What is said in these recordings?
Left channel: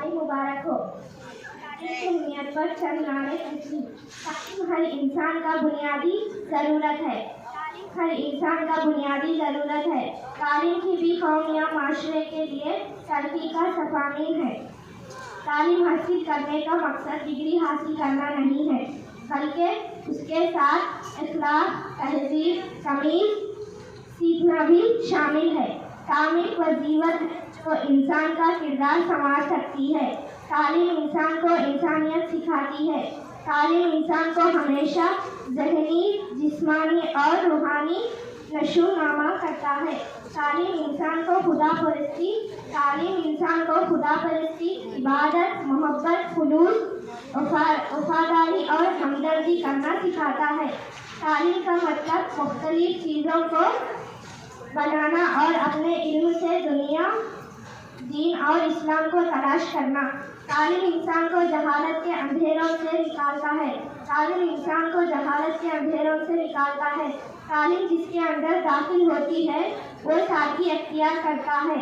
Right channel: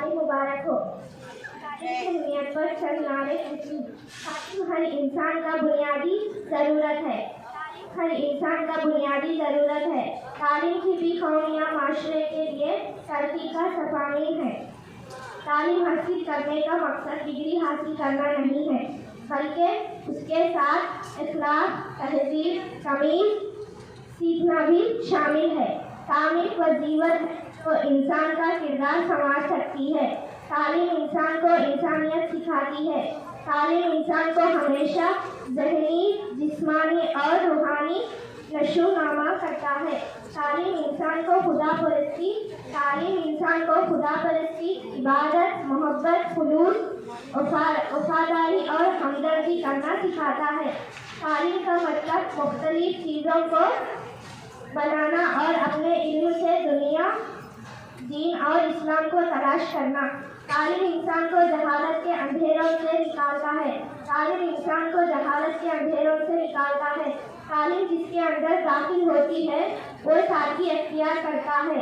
तालीम मुबारक हो। तालीम की अहमियत पर चंद नारे पूछी। तालीम हर इंसान का बुनियादी ज़रूरत है। हर इंसान का बुनियादी ज़रूरत है। तालीम किसी कौम या माशरे के लिए तरक्की का सफ़ामीन है। तालीम हासिल करने का मकसद डिग्री हासिल करना नहीं है, बल्कि उसके साथ इखलाक, तहज़ीब, तमीज़ सीखना भी शामिल है। तालीम वजीवत है जो इंसान का किरदार संवार सकती है। तालीम इंसान को इंसानियत सिखाती है। तालीम इंसान को हमेशा ज़हनी, जिस्मानी और रूहानी नशोनुमा करता है। तालीम इंसान को खुदा परस्ती, इबादत, मोहब्बत, खुलूस, वफादारी और हमदर्दी करना सिखाता है। तालीम का मतलब मुख्तलिफ चीज़ों को बनाना और अपने इल्म से दुनिया, दीन और इस्लाम को तलाश करना। तालीम इंसान को जहालत के अंधेरों से निकालता है। तालीम जिसके अंदर दाखिल होती है वो सादगी अख्तियार करता है।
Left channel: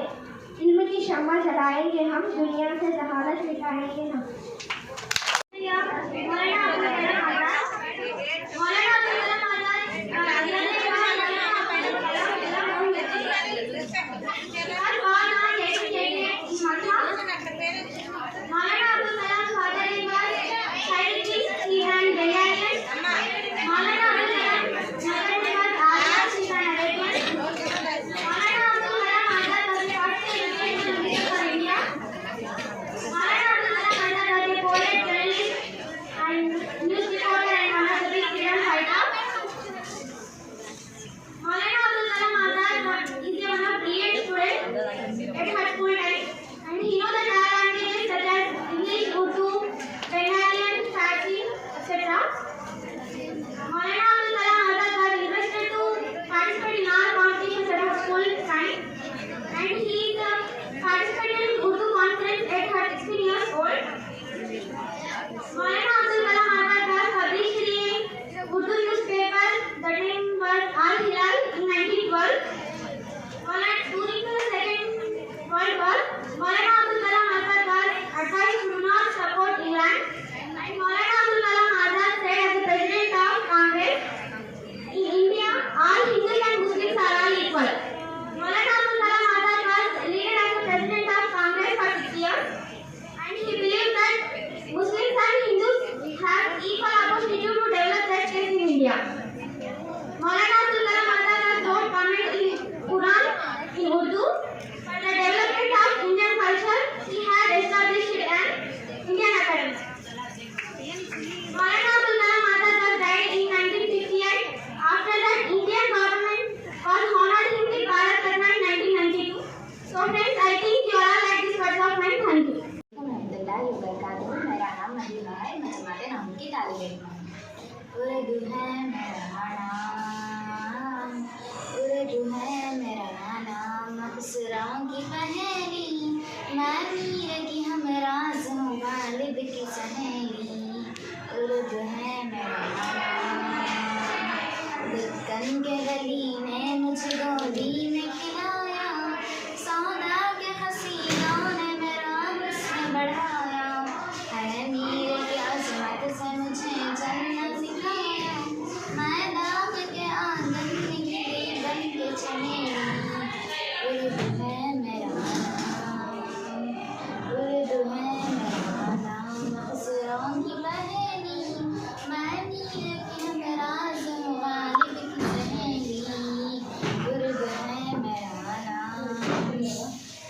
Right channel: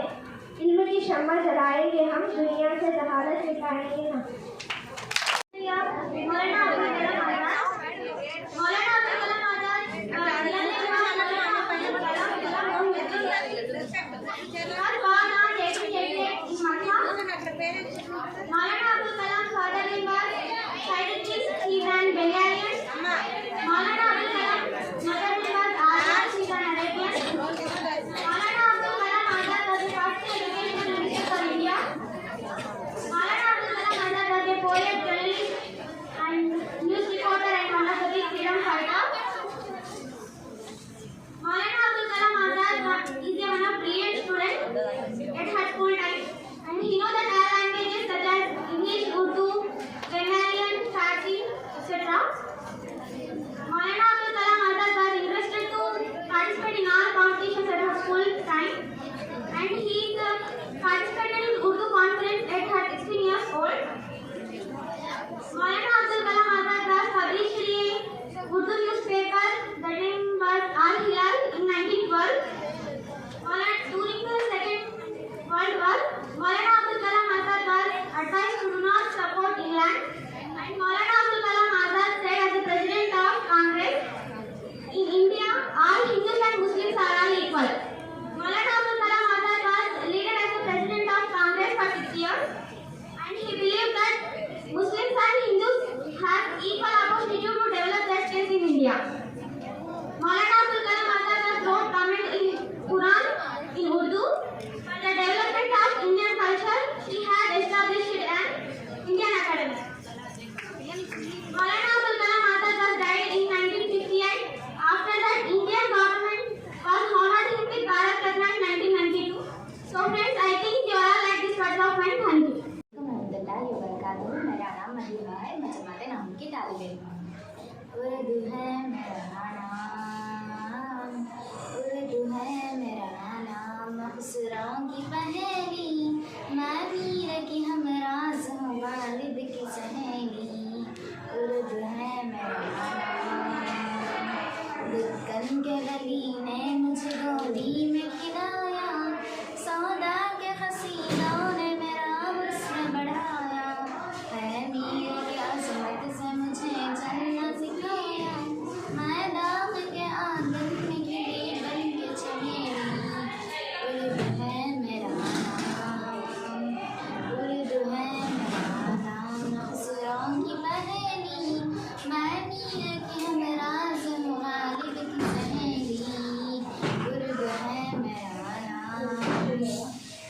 इल्म की शम्मा जलाएंगे हम, दुनिया से जहालत मिटाएंगे हम। उर्दू है मेरा नाम, उर्दू है मेरा नाम, अक्सरों की पहेली, मैं मीर की हमराज़ हूँ, गालिब की सहेली। उर्दू है मेरा नाम, दिक्कन के गली ने मुझे गोदी में खिलाया, सौदा के हसीनों ने मेरा हुस्न बढ़ाया, है मीर की अज़मत से मुझे चलना सिखाया, मैं दाग के आंगन में गिरी बन के चमेली। उर्दू है मेरा नाम, उर्दू है मेरा नाम, अक्सरों की पहेली, मैं मीर की हमराज़ हूँ, गालिब की सहेली। उर्दू है मेरा नाम,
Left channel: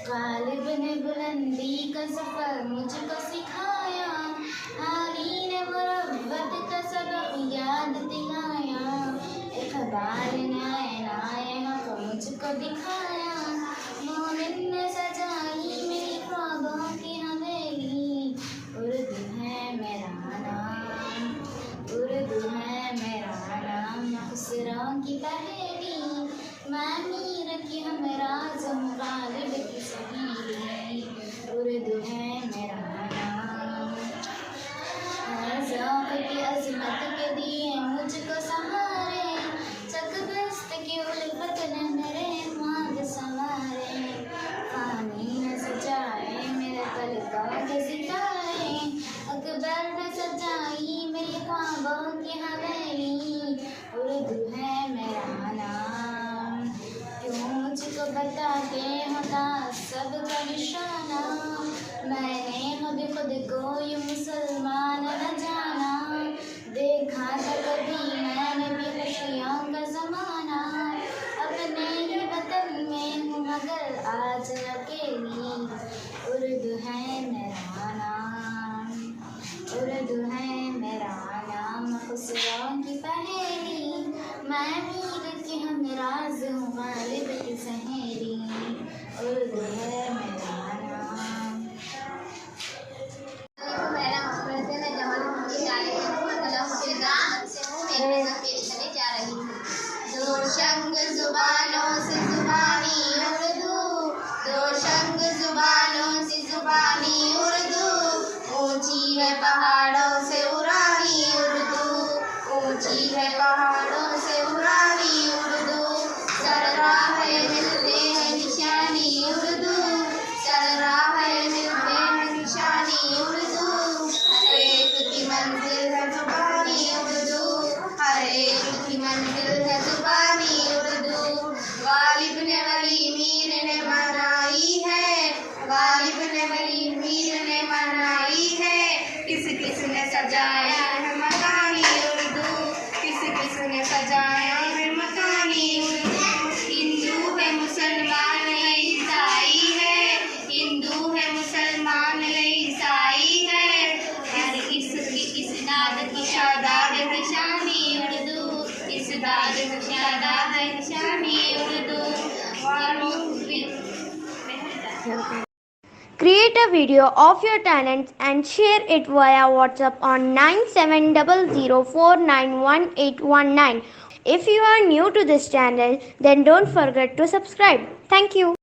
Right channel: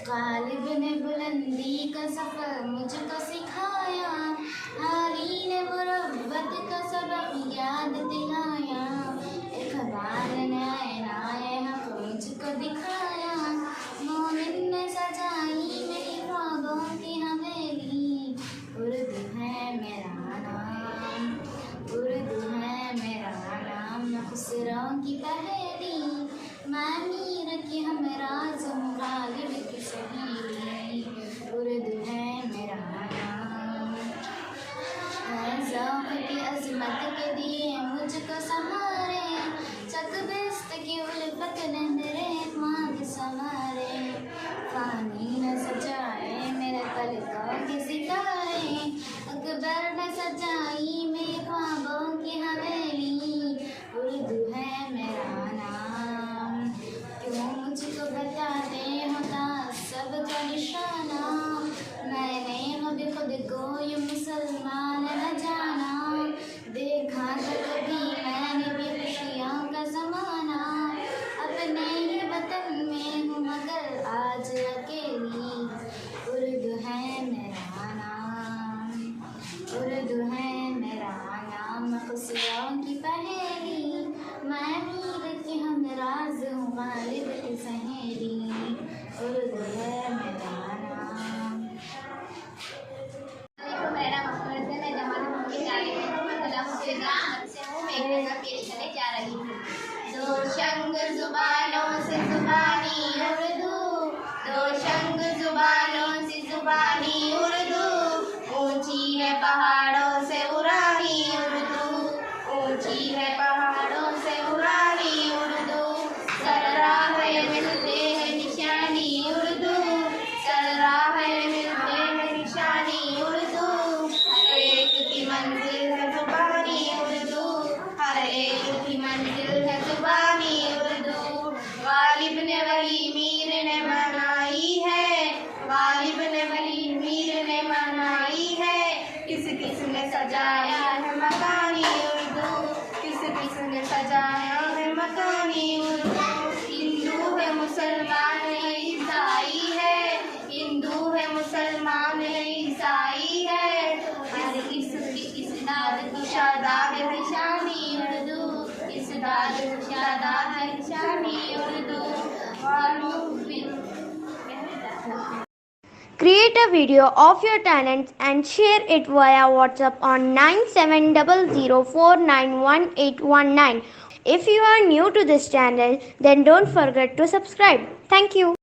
गालिब ने बुलंदी का सफ़र मुझको सिखाया, हारी ने मुरव्वत का सबक याद दिलाया, इक़बाल ने आईनाए हक़ मुझको दिखाया, मोमिन ने सजाई मेरी ख्वाबों की हवेली। उर्दू है मेरा नाम, उर्दू है मेरा नाम, अक्सरों की पहेली, मैं मीर की हमराज़ हूँ, गालिब की सहेली। उर्दू है मेरा नाम, ज़ौक़ की अज़मत के दिए मुझको सहारे, चकबिस्त की उल्फत ने मेरे ख्वाब वली मीर ने मनाई है, गालिब ने वली मीर ने मनाई है। किस किस ने सजाया है मकानी उर्दू, किस किस ने सजाया है मकानी उर्दू। हिंदू है मुसलमान है ईसाई है, हिंदू है मुसलमान है ईसाई है। इस नाद की शादाद है शानी उर्दू, इस दाद की शादाद है शानी Urdu. Create a video of your talents and share it via WhatsApp on 9700491819. If you are new to this channel, then don't forget to subscribe. Thank you.